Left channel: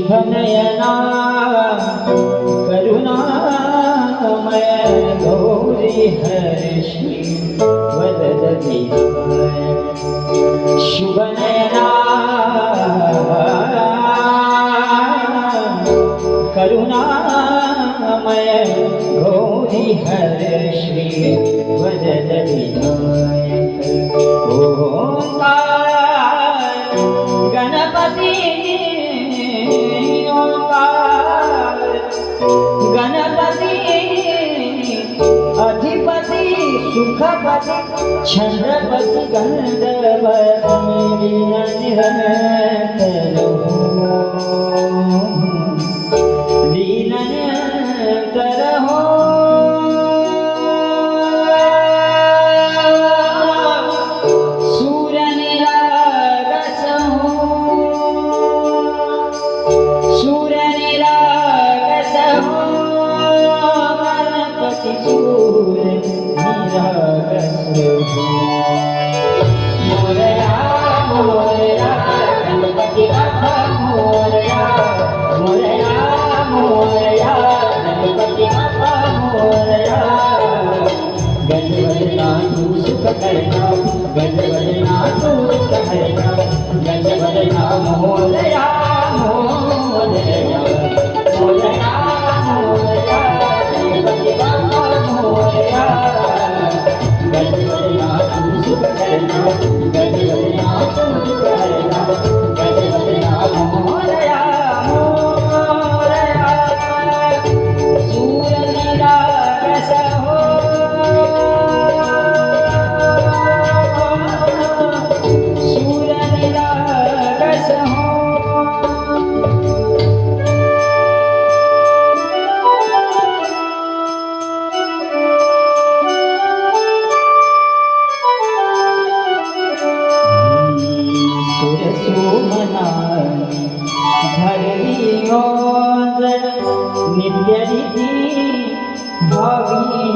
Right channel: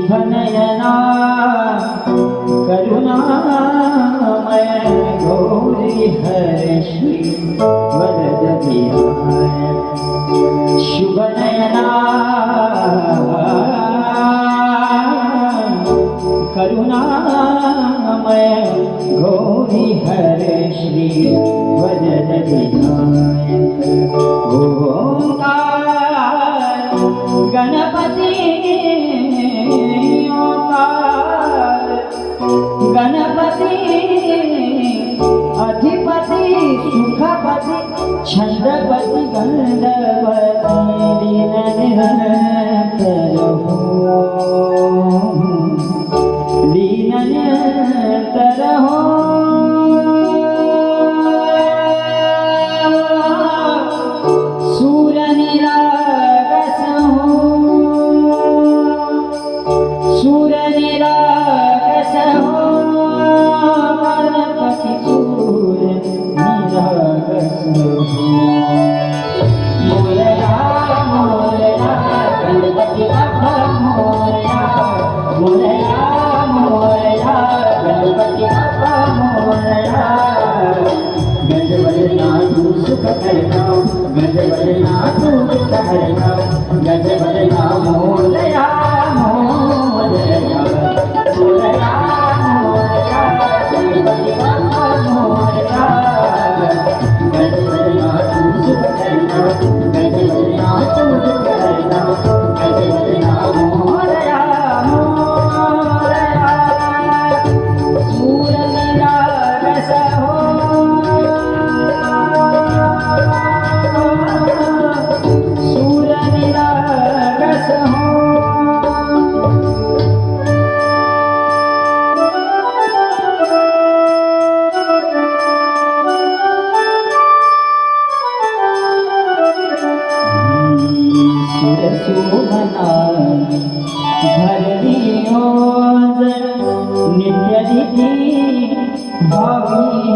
शुभनयना करुणामय गौरी हर्षि वरद विनायक शुभनयना करुणामय गौरी हर्षि वरद विनायक ओंकार गणपति गणपति अधिपति सुखपति छंदपति गंधर्वपति निरंतर दीन निरंतर हो सूर्य निरागस हो सूर्य निरागस हो गणपति सूर्य निरागस हो मोरया मोरया गणपति बाप्पा मोरया मोरया मोरया गणपति बाप्पा मोरया गजबजना तू सुख करता गजबजना तू सुख करता गजबजना मोरया मोरया मोरया मोरया गणपति बाप्पा मोरया गजबजना तू सुख करता गजबजना तू सुख करता गजबजना मोरया मोरया सूर्य निरागस हो सूर्य निरागस हो सुरसोमनानि धरणी ओंजन नित्य निधि भावी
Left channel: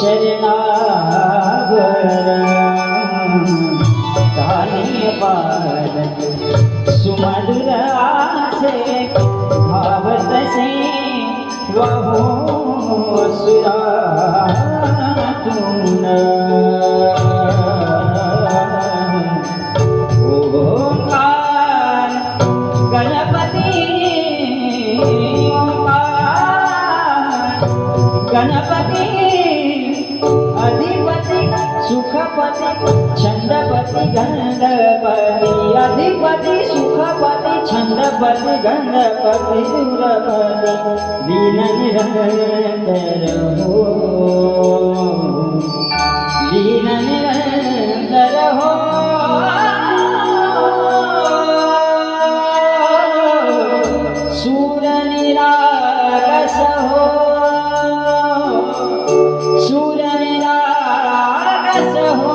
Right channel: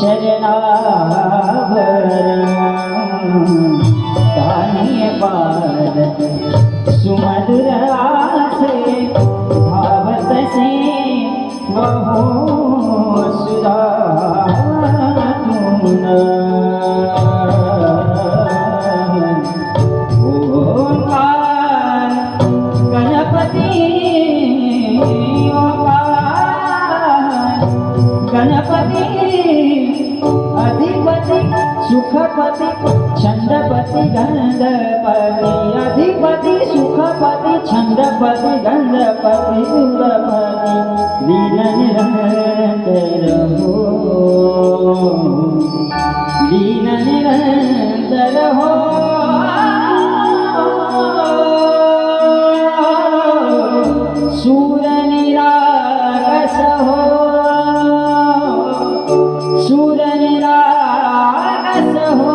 चरणावरण ताने बारत सुमधुर से भावत से वहो सुरातुन गणपति अधिपति सुखपति छंदपति गंधर्वपति अधिपति सुखपति छंदपति गंधर्वपति सुरपति लीन निरंतर हो लीन निरंतर हो सूर्य निरागस हो सूर्य निरागस हो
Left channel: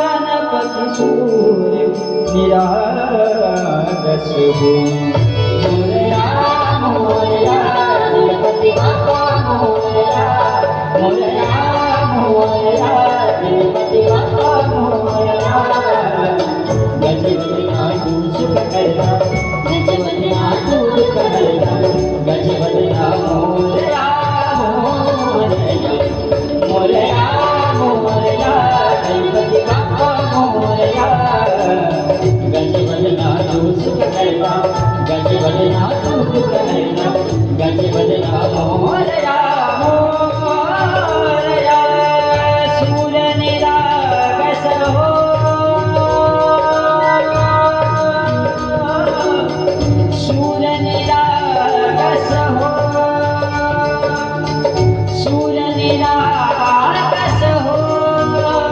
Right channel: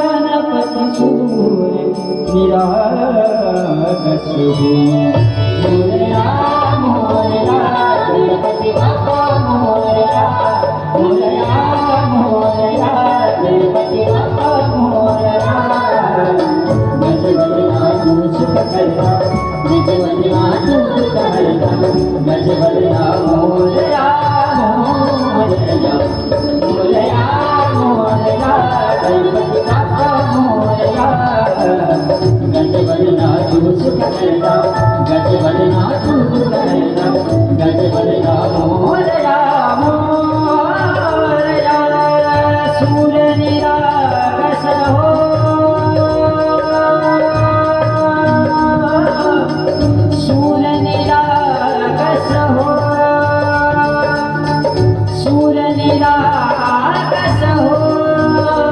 गणपति सूर्य निरागस हो मोरया मोरया गणपति बाप्पा मोरया मोरया मोरया गणपति बाप्पा मोरया गजबजना तू सुख करता गजबजना तू सुख करता गजबजना मोरया मोरया मोरया मोरया गणपति बाप्पा मोरया गजबजना तू सुख करता गजबजना तू सुख करता गजबजना मोरया मोरया सूर्य निरागस हो सूर्य निरागस हो सूर्य निरागस हो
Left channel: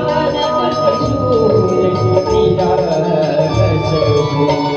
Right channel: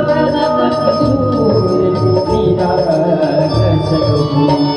गणपति सूर्य निरागस हो